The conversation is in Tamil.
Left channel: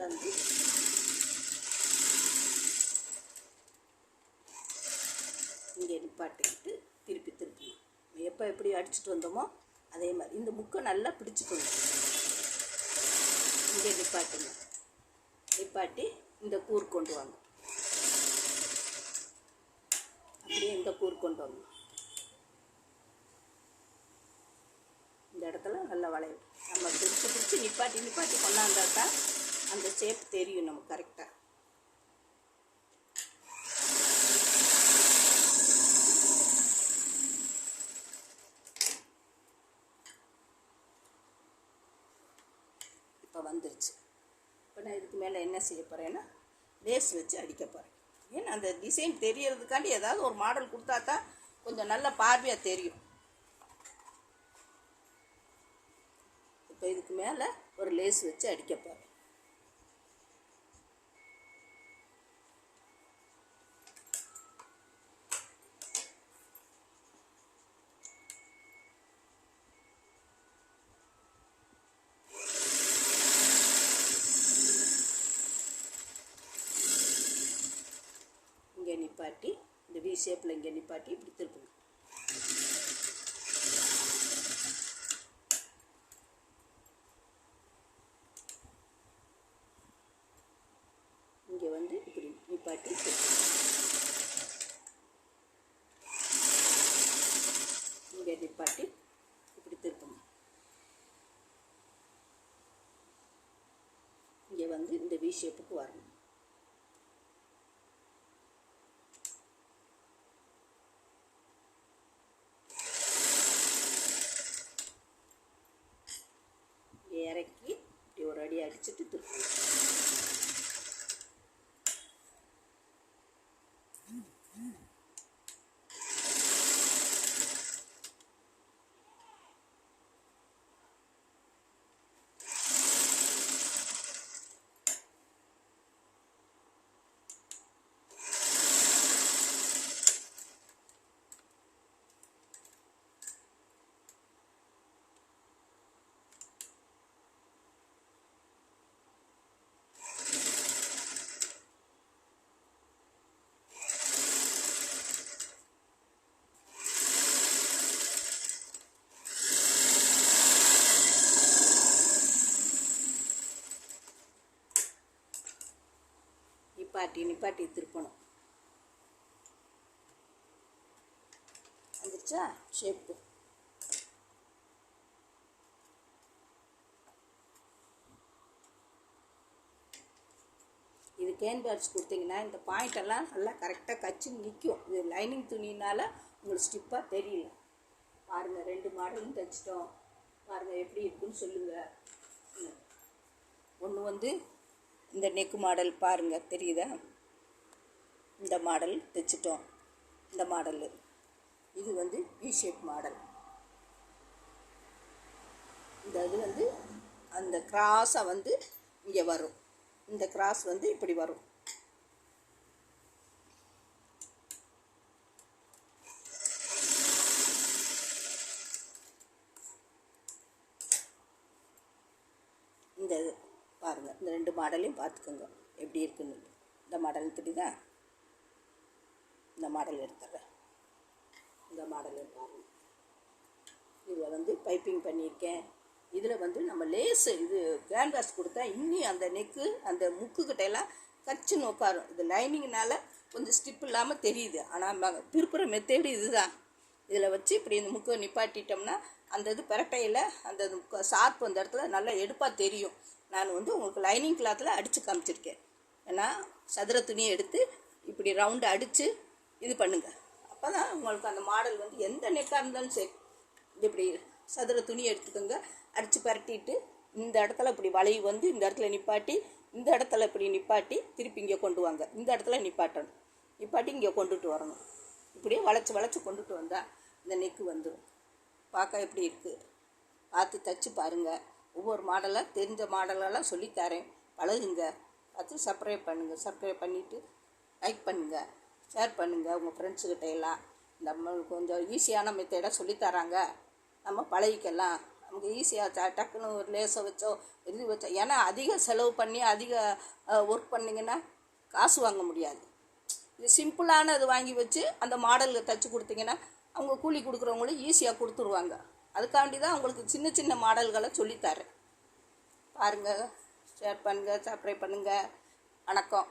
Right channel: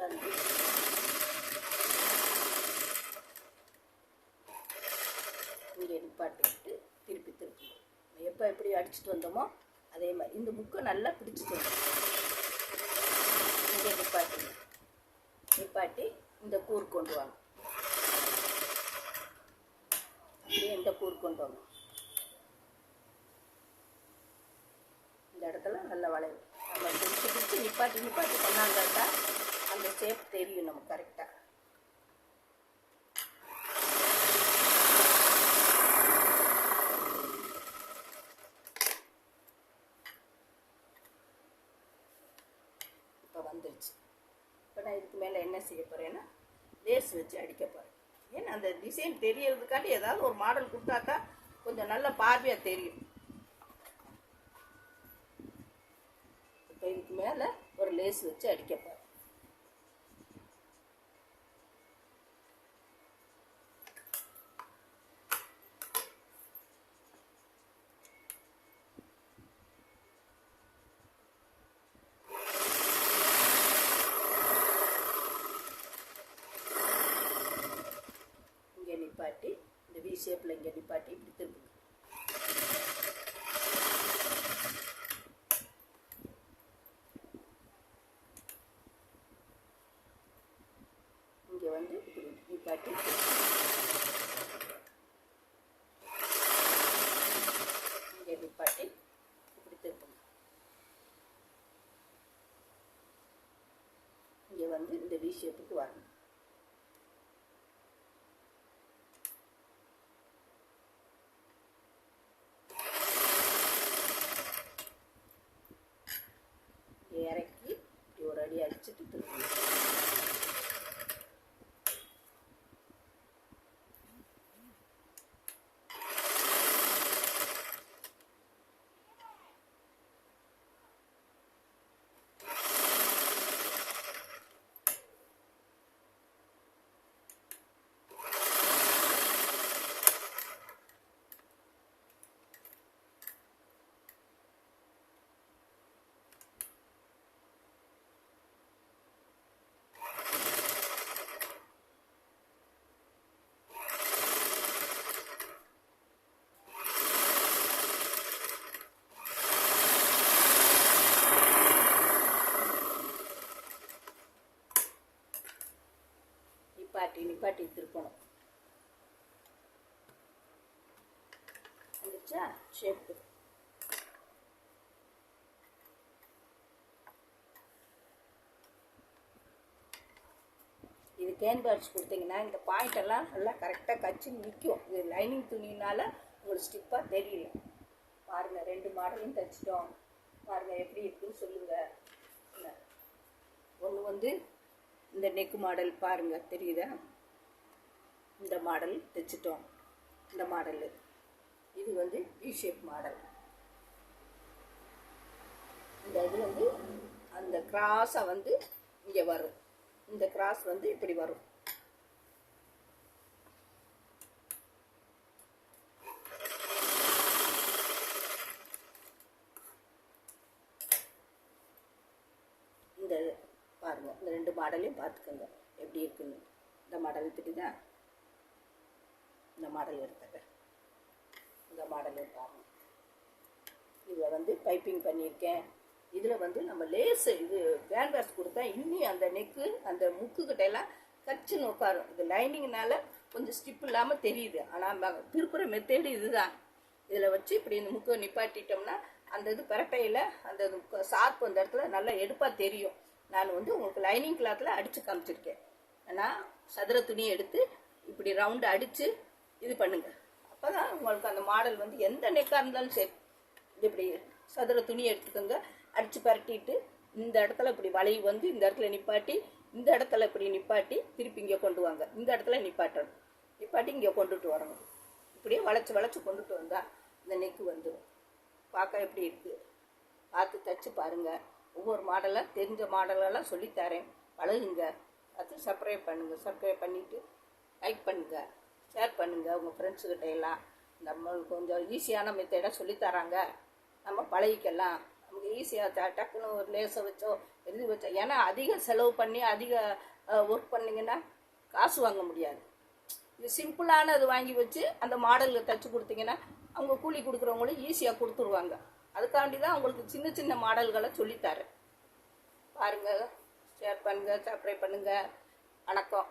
கொண்டாந்து இங்கே நிப்பாட்டிக்கிட்டு திருப்பி எப்போ எப்படி அடிச்சுட்டு வந்தோமோ அதே மாதிரி இந்த முக்கை நல்லா பிடிச்சிக்கணும். இங்கே நிப்பாட்டி இந்த கூர் கொண்டு வாங்க. அப்படியே இந்த கூர் கொண்டு வாங்க. இந்த இடத்துல நல்லா வளையும். நம்ம பிடிச்சி நிப்பாட்டி பண்ணாங்கட்டா அந்த ஷேப் தெரியும் நமக்கு கரெக்டாக. இப்போ வந்துருச்சு. இப்போ நான் இதுக்கு மேலே என்ன செய்ய போகிறேன்னா லேஸ் வச்சு அடிக்க போகிறேன். ஏன்னா அந்த டிசைன் தெரியறதுக்காண்டி ஏதாவது ஒரு மாடல் கொடுத்தா தான் கொஞ்சம் நல்ல பார்வையாக தெரியும். இப்போ இதுக்கு மேலே ஒரு லேஸ் வச்சு அடிக்க போகிறேன். நிப்பாட்டி இந்த வி ஷேப்பில் இங்கே நிப்பாட்டி இப்படி திருப்புங்க. இங்கே வந்து இப்படி நிப்பாட்டி இங்கே நிப்பாட்டி இப்படி திருப்புங்க. இங்கே வந்து இந்த வி ஷேப்புக்கு வரணும். இறக்கி இப்படி ஒரு அடி அடிச்சுட்டு திருப்பி நிப்பாட்டி திருப்பணும். வந்துருச்சா ஷேப்பு? இது கேன்வாஸ் கொடுத்தீங்கன்னா இந்த பாயிண்டெல்லாம் நல்லா கரெக்டாக கச்சி நிற்கும். இது லைனிங் துணினால் உங்களுக்கு ஸ்டிப்பாக தெரியல. பாருங்கள், 2 மாடலும் தைச்சிட்டோம். பாருங்கள் எப்படி இருக்குன்னு சொல்லுங்கள். ஒன்று வந்து இந்த நெக்கு மாடல் பாருங்கள், தெரியுதா? இந்த மாடல் தைச்சிட்டோம். இந்த மாடலு இது வந்து வி ஷேப் மாடல். இந்த இது வந்து அந்த கிராஸாக வந்து இங்கே வரும். இந்த கிராஸ் வந்து இப்படி வரும். இந்த பாருங்கள், இந்த 2 மாடலையும் பார்த்துக்கோங்க எப்படி இருக்குன்னு. இந்த மாடல் தெரியுதா? இந்த மாடல் எடுத்துறேன். இந்த மாடல் பாருங்கள். இதில் வந்து பைப்பிங் பண்ணியிருக்கேன். இதில் வந்து நம்ம லேஸு இது கேன்வாஸ் கொடுத்தா இன்னி அந்த நெக்கு அந்த முக்குக்கிட்டையெல்லாம் கச்சுன்னு உட்காரும். இது லைனிங்னால கொஞ்சம் ஸ்டிப் இல்லாமல் தெரியுது. ஆனால் திருப்புற மெத்தேடு இதுதான். இதில் வச்சு இப்படி இந்த முக்கை நிப்பாட்டிட்டோம்னா அந்த இது பரட்டையில் அந்த ஷார்ப் அந்த இடத்துல நல்லா எடுப்பாக தெரியும். நான் வந்து உங்களுக்கு லைனிங் கிளாத்தில் அடித்து காமிச்சிருக்கேன். ஏன்னா சதுர துணியை எடுத்து இப்படி ரவுண்டு அடித்து இது பண்ணுங்கள். அப்போ தான் உங்களுக்கு அந்த மாடல் வந்து எந்த நெக்காக இருந்தாலும் சரி இப்படி சதுர துணி எடுத்துக்கோங்க. அடித்து பரட்டிட்டு இந்த இடத்துல இப்படி வளைவு வந்து இந்த இடத்துல நிப்பாட்டி, இந்த இடத்துல இப்படி நிப்பாட்டி திருப்பி இங்கே கொண்டு வாங்க. இந்த இடத்துல நிப்பாட்டணும். நிப்பாட்டி இங்கே கொண்டுட்டு வரணும். இப்படியே வளைச்சி கொண்டுட்டு வந்தால் இந்த நெக்கு வந்துடும். பார்க்க எப்படி இருக்குது பார்த்து தைச்சி பாருங்கள். ஒவ்வொரு மாடலாக தெரிஞ்ச மாடலெல்லாம் சொல்லித்தரேன், பழகுங்க. பார்த்து சப்ஸ்கிரைப் பண்ணுங்கள். சப்ஸ்கிரைப் பண்ணிவிட்டு லைக் பண்ணுங்கள், ஷேர் பண்ணுங்கள் உங்கள் ஃப்ரெண்ட்ஸுக்கிட்ட எல்லாம். நம்மளுக்கு கொஞ்சம் ஈஸியான மெத்தடாக சொல்லித்தராங்க, நம்ம பழகிக்கலாம். நமக்கு ஈஸியாக டக்குன்னு ஒரு லேஸை வச்சோ எழுதி வச்சோ. ஏன்னா அதிக செலவு பண்ணி அதிக ஒர்க் பண்ணிங்கன்னா காசு வாங்க முடியாது. இது சிம்பிளான இது வாங்கி வச்சு அந்த மாடலுக்கு தைச்சி கொடுத்தீங்கன்னா அவங்க கூலி கொடுக்குறவங்களும் ஈஸியாக கொடுத்துருவாங்க. அதுக்காண்டி தான் அவங்களுக்கு சின்ன சின்ன மாடல்களை சொல்லித்தரேன். பாருங்கள், ஷேர் பண்ணுங்கள், சப்ஸ்கிரைப் பண்ணுங்கள். வணக்கம்.